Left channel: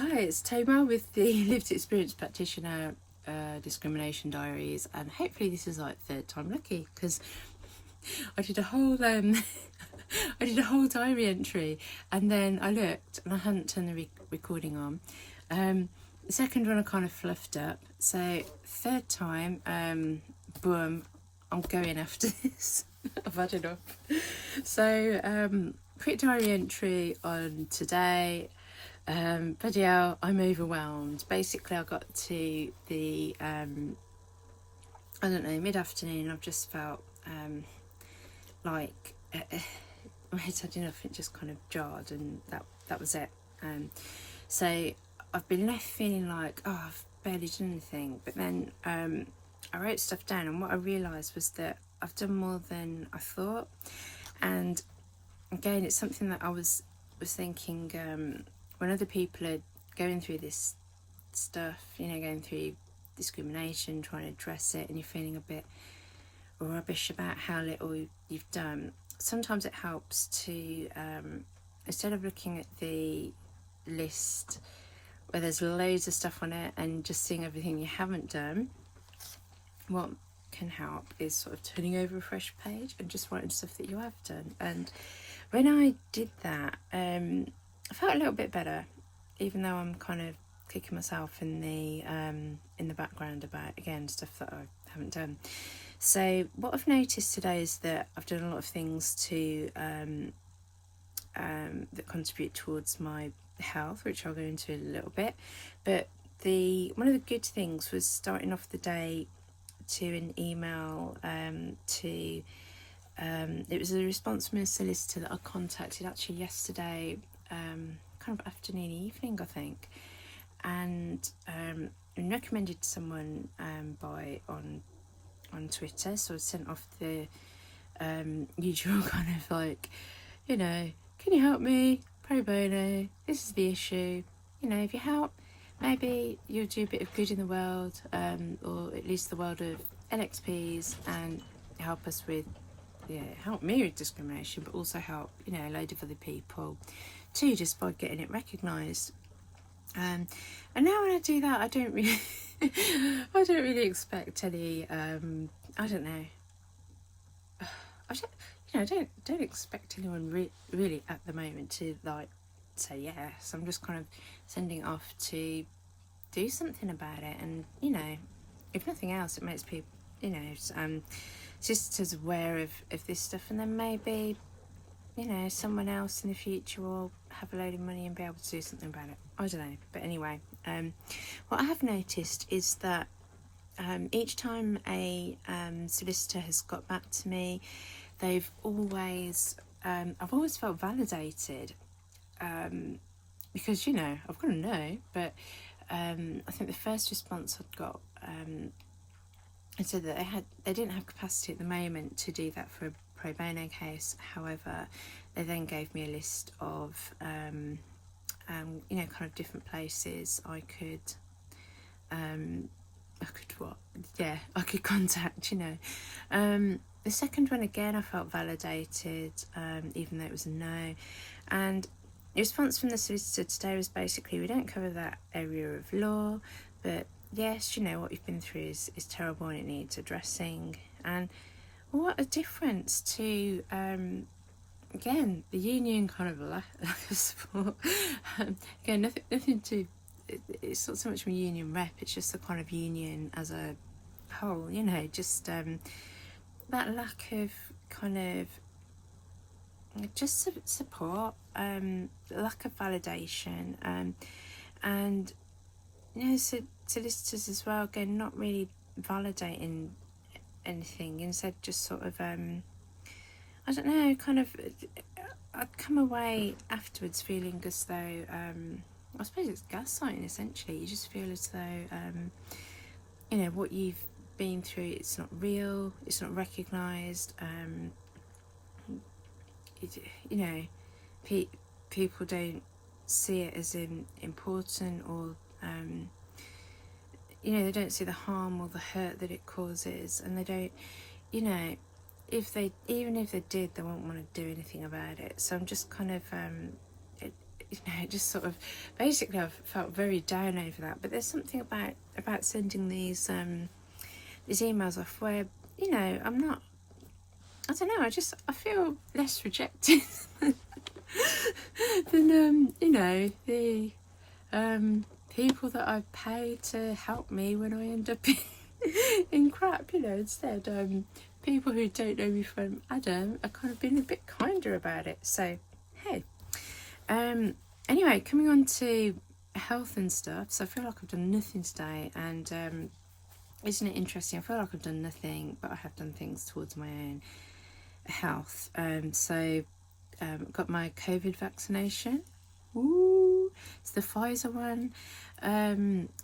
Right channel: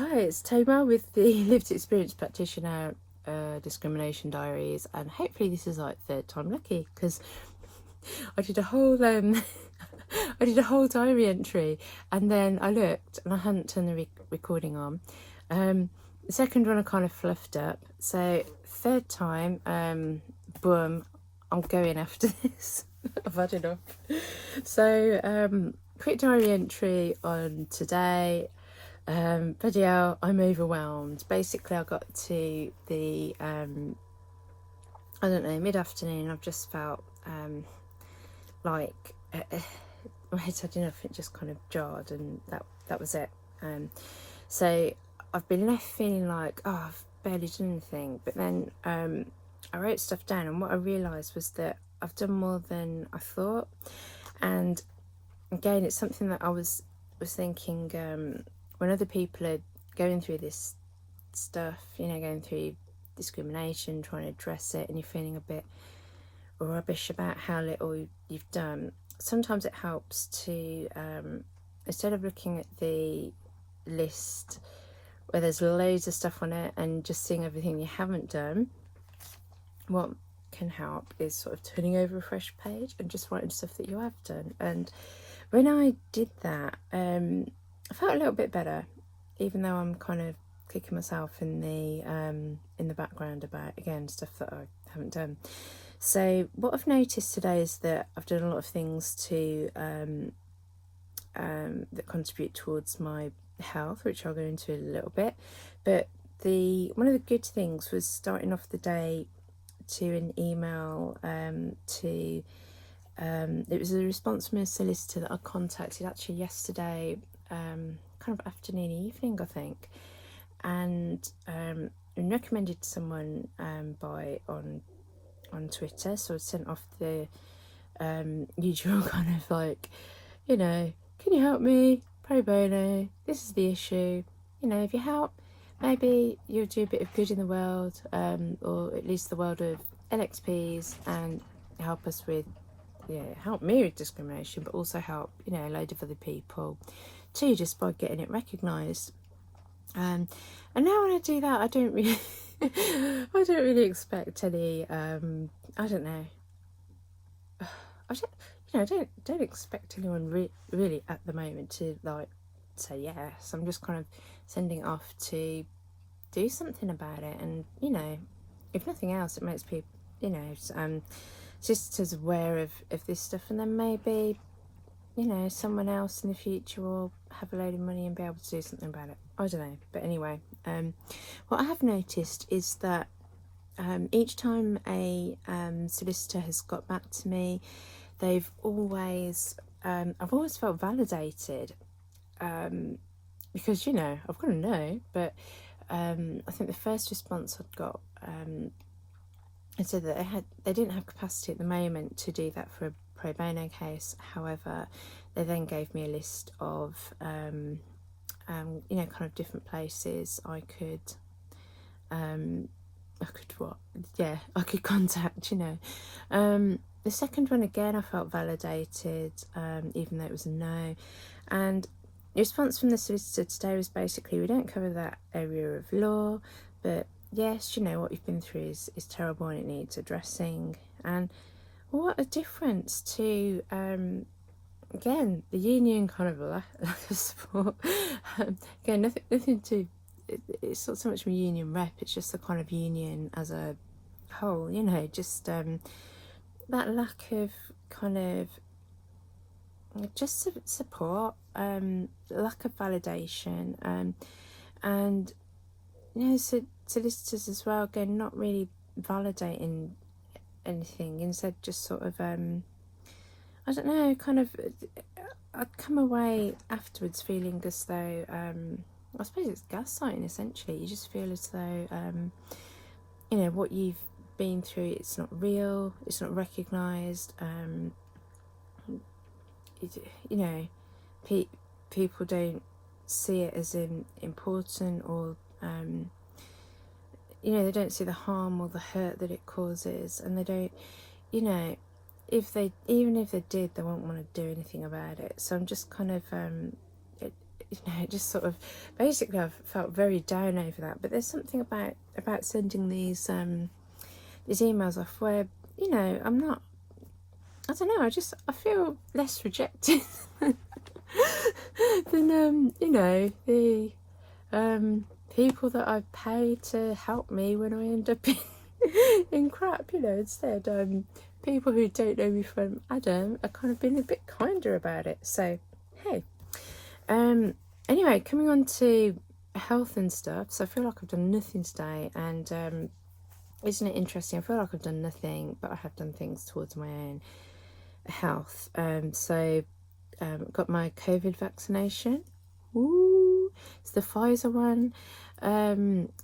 Hi, it's Toma with the Lived Experience Practitioner Discrimination Diaries, and hopefully this is like third time lucky because I did a whole I did a whole diary entry, and then I looked and I hadn't turned the recording on. The second one I kind of fluffed up, so third time, boom, I'm going after this. I've had enough. So quick diary entry on today. Bloody hell, I'm overwhelmed. Basically, I got to the, I don't know, mid-afternoon. I've just felt like my head's had enough. It just kind of jarred, and that was it. So I've been left feeling like, oh, I've barely done anything. But then I wrote stuff down, and what I realised was that I've done more than I thought. And again, it's something that I was thinking. When other people are going through this stuff, going through discrimination, trying to address it, and you're feeling a bit rubbish about how little you've done, sometimes it helps to, instead of looking at the list where there's loads of stuff on it and just seeing everything you haven't done, what can help is sort of turning over a fresh page and just writing stuff that you have done. And when I did that, I felt a little bit better, even though I'm kind of kicking myself in the background about, again, stuff that I haven't done. So what I've noticed today is that I've done a lot of things to that contribute towards my health, which I'll go into in a little bit. But one of the good things was starting off the day to an email to it was a response from a solicitor that I contacted actually yesterday, kind of afternoon, evening, I think, and recommended to someone on Twitter. So I sent off the usual kind of like, can you help me? Pro bono. This is the issue. If you help, maybe you'll do a bit of good in the world, or at least the world of LXPs, and help us with, help me with discrimination, but also help, a load of other people too, just by getting it recognised. And now when I do that, I don't really expect any. I don't know. I don't expect anyone really at the moment to like say yes. I'm just kind of sending it off to do something about it, and if nothing else, it makes people, sisters aware of this stuff, and then maybe someone else in the future will have a load of money and be able to do something about it. I don't know. But anyway, what I have noticed is that each time a solicitor has got back to me, they've always, I've always felt validated, because, I've got to know, but I think the first response I'd got, it said that they didn't have capacity at the moment to do that for a pro bono case. However, they then gave me a list of kind of different places I could contact. The second one, again, I felt validated, even though it was a no. And the response from the solicitor today was basically, we don't cover that area of law, but yes, what you've been through is terrible and it needs addressing. And what a difference to, again, the union kind of lack of support. Again, nothing to, it's not so much a union rep, it's just a kind of union as a whole, just that lack of kind of just support, lack of validation, and solicitors as well, again, not really validating anything, instead just sort of I don't know, kind of I'd come away afterwards feeling as though I suppose it's gaslighting essentially. You just feel as though what you've been through, it's not real, it's not recognised, people don't see it as important, or they don't see the harm or the hurt that it causes, and they don't, even if they did, they won't want to do anything about it. So I'm just kind of it just sort of, basically I've felt very down over that. But there's something about sending these emails off where, I'm not, I don't know, I feel less rejected than, the people that I've paid to help me when I end up in crap, instead people who don't know me from Adam are kind of being a bit kinder about it. So, hey. Anyway, coming on to health and stuff. So I feel like I've done nothing today, and isn't it interesting? I feel like I've done nothing, but I have done things towards my own health. Got my COVID vaccination. Woo! It's the Pfizer one.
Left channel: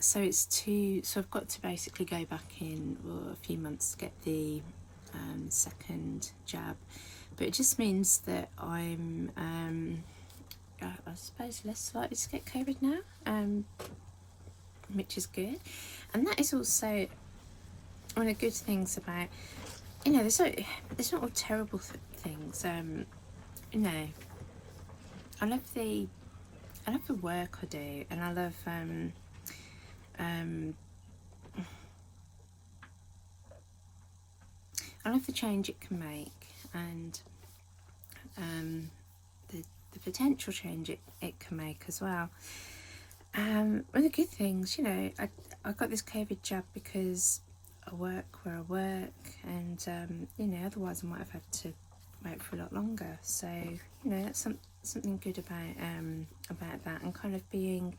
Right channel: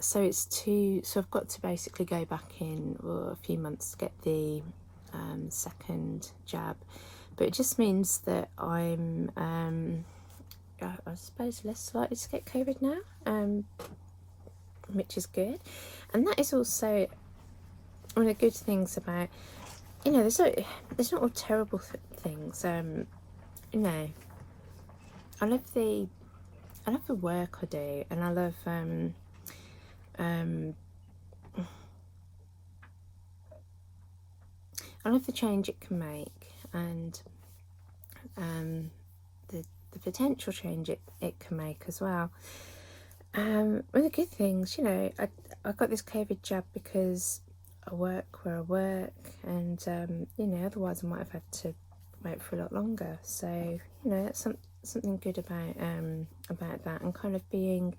So I've got to basically go back in a few months to get the second jab, but it just means that I'm I suppose less likely to get COVID now, which is good. And that is also one of the good things about, there's not all terrible things. I love the work I do, and I love the change it can make, and the potential change it can make as well. One of the good things, I got this COVID jab because I work where I work, and otherwise I might have had to wait for a lot longer. So that's something good about that, and kind of being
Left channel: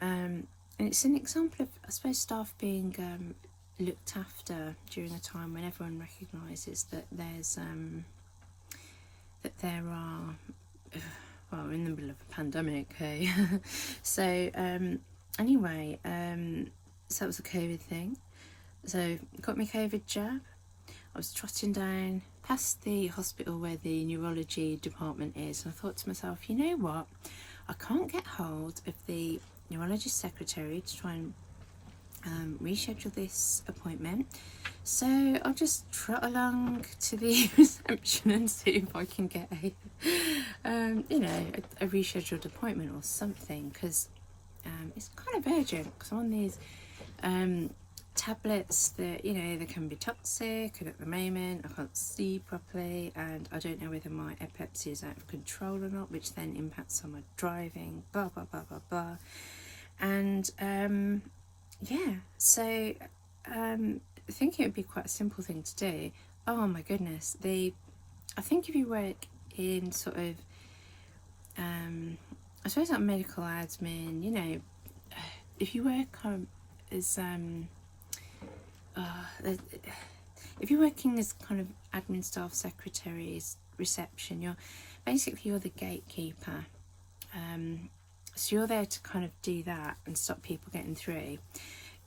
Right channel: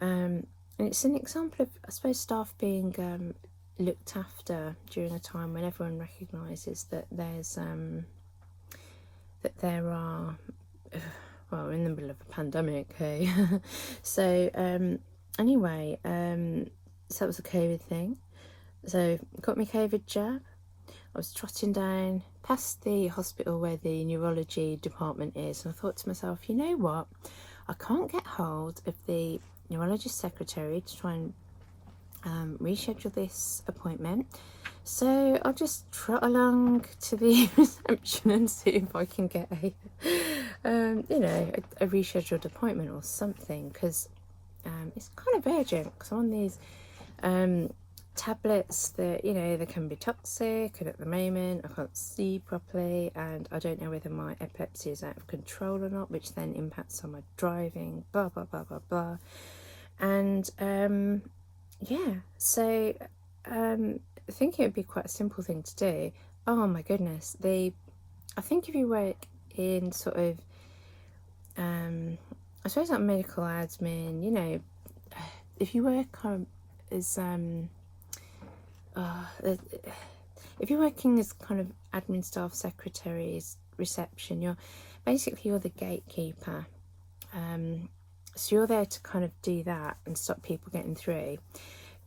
and it's an example of, I suppose, staff being looked after during a time when everyone recognises that there are, well, we're in the middle of a pandemic, hey. So anyway, so that was a COVID thing. So got my COVID jab. I was trotting down past the hospital where the neurology department is, and I thought to myself, you know what, I can't get hold of the neurologist secretary to try and reschedule this appointment, so I'll just trot along to the reception and see if I can get a rescheduled appointment or something, because it's kind of urgent, because I'm on these tablets that, they can be toxic, and at the moment I can't see properly, and I don't know whether my epilepsy is out of control or not, which then impacts on my driving, blah blah blah blah blah. And so I think it would be quite a simple thing to do. Oh my goodness, I think if you work in sort of I suppose like medical admin, if you work as if you're working as kind of admin staff, secretaries, reception, you're the gatekeeper. So you're there to kind of do that and stop people getting through.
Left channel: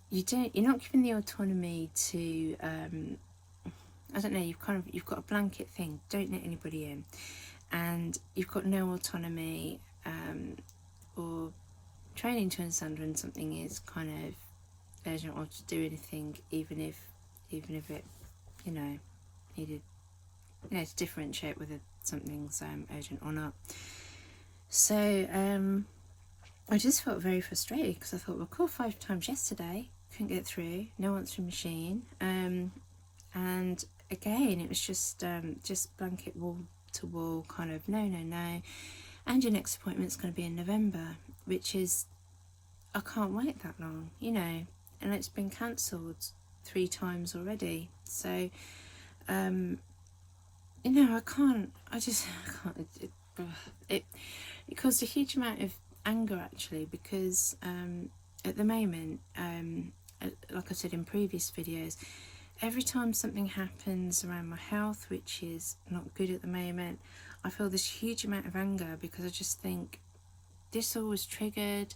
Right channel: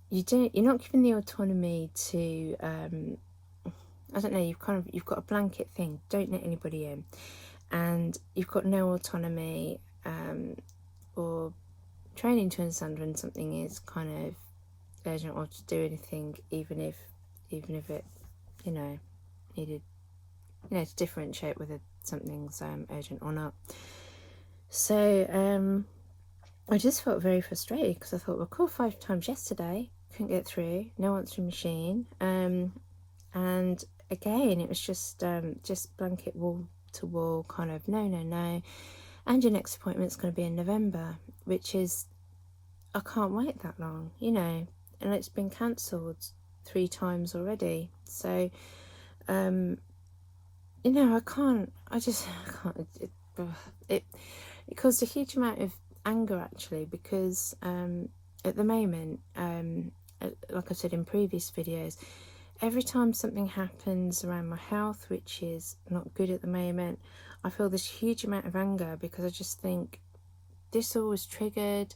You're not given the autonomy to I don't know, you've got a blanket thing, don't let anybody in, and you've got no autonomy or training to understand when something is kind of urgent, or to do anything, even if it needed to differentiate whether something's urgent or not. So I just felt very frustrated, because I thought, well, called 5 times yesterday, couldn't get through, no answering machine, and again it was just blanket wall to wall kind of no, and your next appointment's going to be in November, which is, I can't wait that long, and it's been cancelled 3 times already. So I can't, it caused a huge amount of anger, actually, because at the moment, like I said in previous videos, every time something happens around my health, which is not good at the moment, I feel this huge amount of anger, because I just think this all was triggered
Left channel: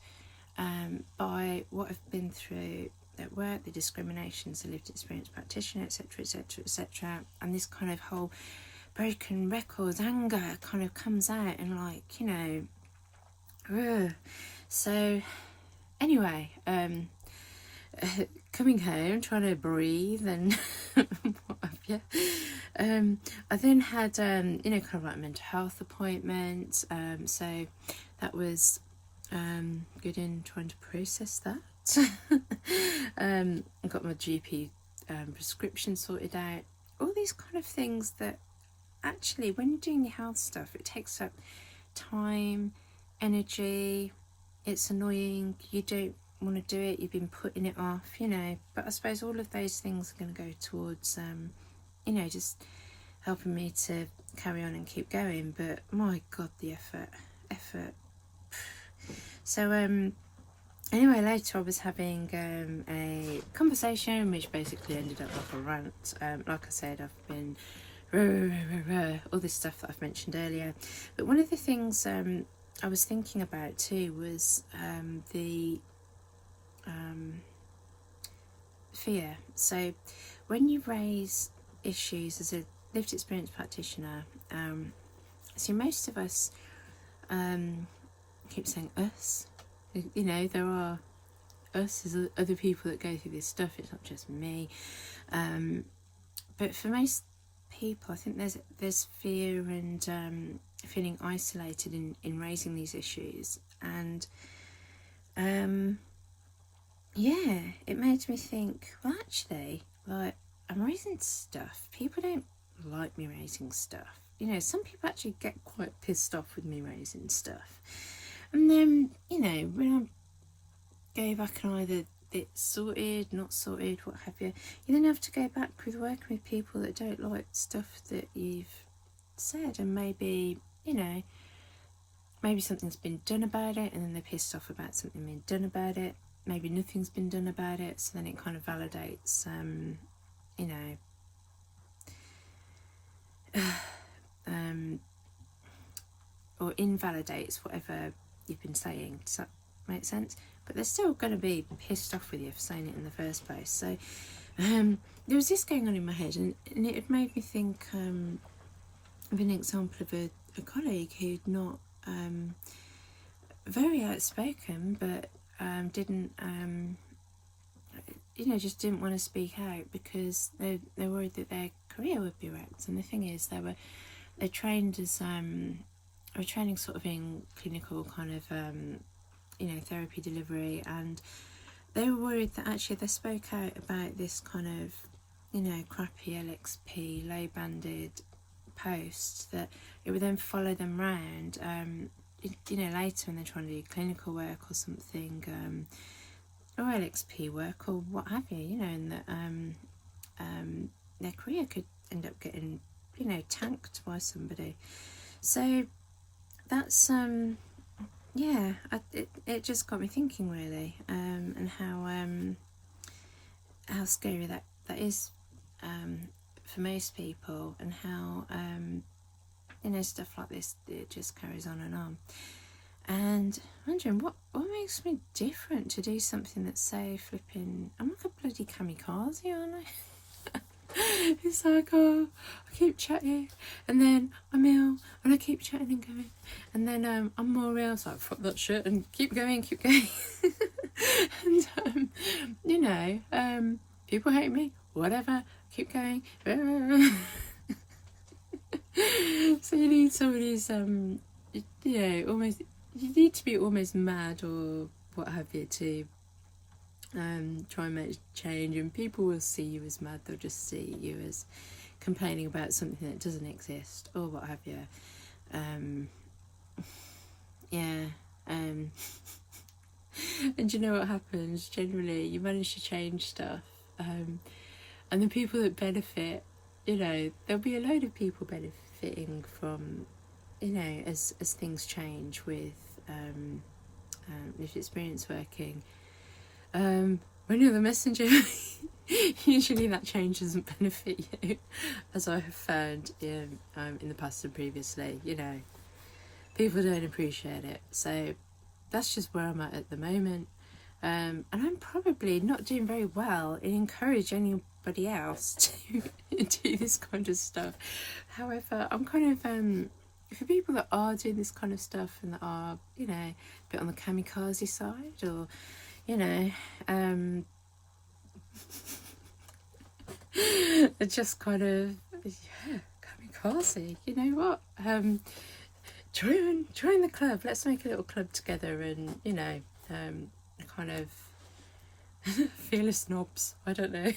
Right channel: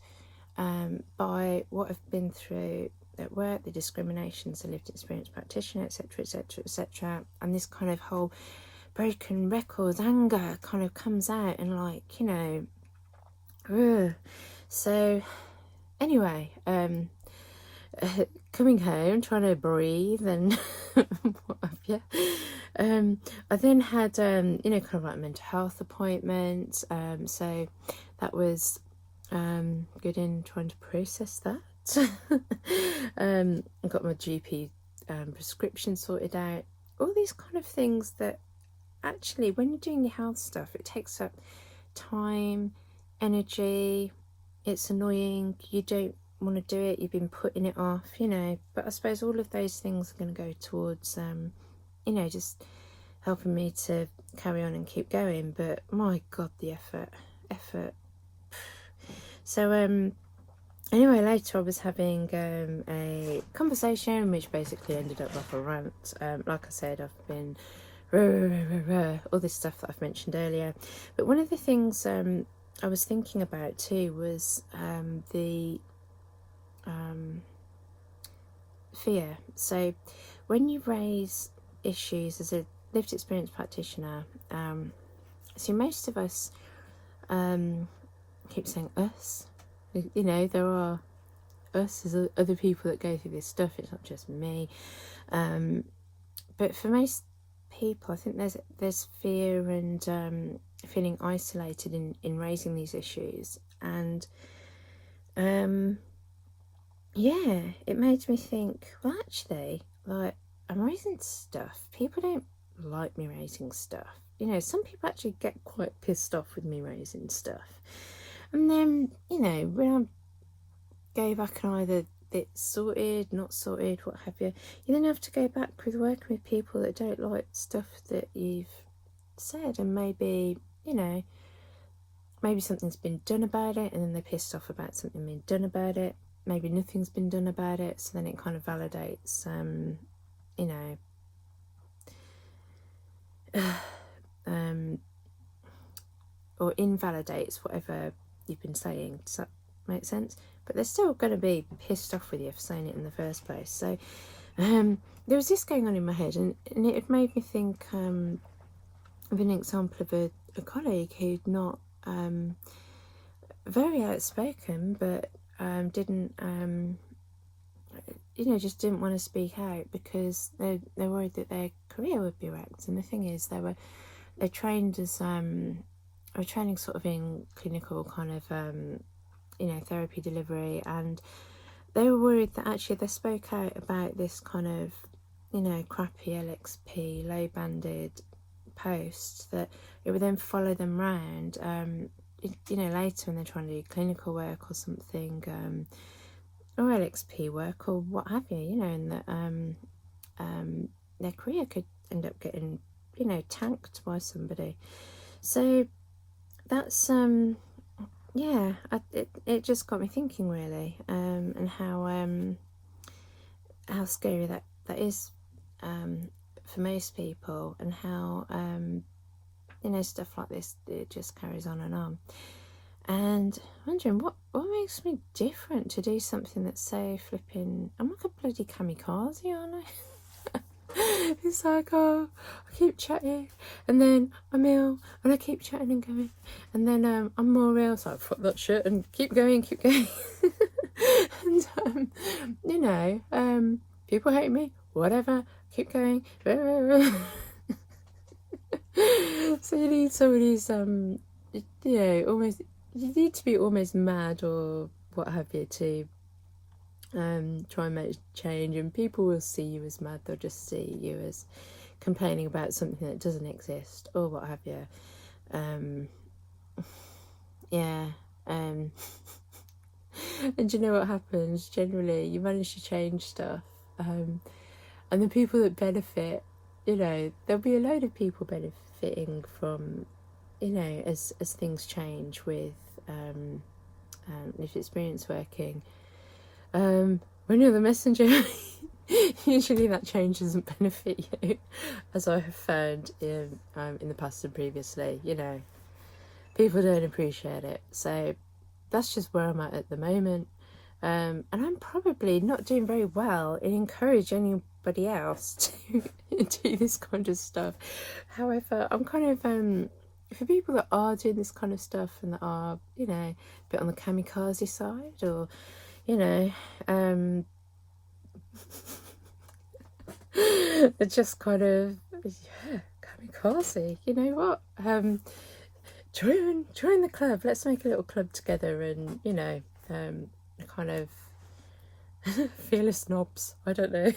by what I've been through at work, the discriminations, the lived experience practitioner, etc, etc, etc, and this kind of whole broken records anger kind of comes out, and so anyway, coming home, trying to breathe and what have you, I then had kind of like a mental health appointment, so that was good in trying to process that. I got my GP prescription sorted out. All these kind of things that actually, when you're doing your health stuff, it takes up time, energy. It's annoying. You don't want to do it. You've been putting it off, But I suppose all of those things are going to go towards, just helping me to carry on and keep going. But my God, the effort. So anyway, later I was having a conversation which basically ended up like a rant. Like I said, I've been all this stuff that I've mentioned earlier. But one of the things I was thinking about too was the fear. So when you raise issues as a lived experience practitioner, see, most of us, I keep saying us, there are us as other people that go through this stuff. It's not just me. But for most people, I think there's fear and feeling isolated in raising these issues. And it made me think, well, actually, like, I'm raising stuff. People don't like me raising stuff. Some people actually get quite pissed off with me raising stuff. And then, when I go back and either it's sorted, not sorted, what have you, you then have to go back with working with people that don't like stuff that you've said, and maybe something's been done about it, and then they're pissed off about something being done about it. Maybe nothing's been done about it, so then it kind of validates, or invalidates whatever you've been saying. Does that make sense? But they're still going to be pissed off with you for saying it in the first place. So there was this going on in my head, and it had made me think of an example of a colleague who'd not very outspoken, but didn't just didn't want to speak out because they're worried that their career would be wrecked. And the thing is, they're trained as are training sort of in clinical kind of therapy delivery, and they were worried that actually if they spoke out about this kind of crappy LXP low banded post, that it would then follow them round later when they're trying to do clinical work or something, or LXP work or what have you, and that their career could end up getting tanked by somebody. So that's it just got me thinking really, and how scary that is for most people, and how stuff like this, it just carries on and on. And wondering what makes me different to do something that's so flipping. I'm like a bloody kamikaze, aren't I? It's like, I keep chatting, and then I'm ill, and I keep chatting and going, and then I'm more ill, so I fuck that shit and keep going. And people hate me, whatever, keep going. So you need somebody who's almost, you need to be almost mad or what have you to try and make change, and people will see you as mad. They'll just see you as complaining about something that doesn't exist or what have you. And do you know what happens? Generally, you manage to change stuff, and the people that benefit, there'll be a load of people benefiting from, as things change with experience working. When you're the messenger, usually that change doesn't benefit you, as I have found in the past and previously. People don't appreciate it. So that's just where I'm at the moment. And I'm probably not doing very well in encouraging anybody else to do this kind of stuff. However, I'm kind of for people that are doing this kind of stuff and that are, a bit on the kamikaze side, or they're just kind of kamikaze. You know what? join the club. Let's make a little club together, and you know, kind of fearless snobs. I don't know.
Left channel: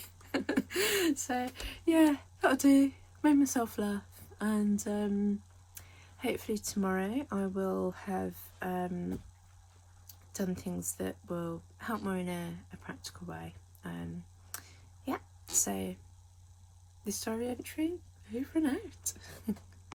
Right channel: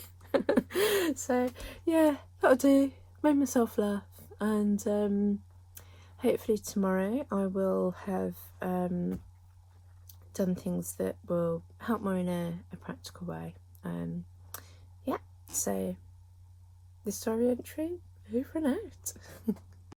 So yeah, that'll do. Made myself laugh, and hopefully tomorrow I will have done things that will help more in a practical way. Yeah, so this diary entry over and out.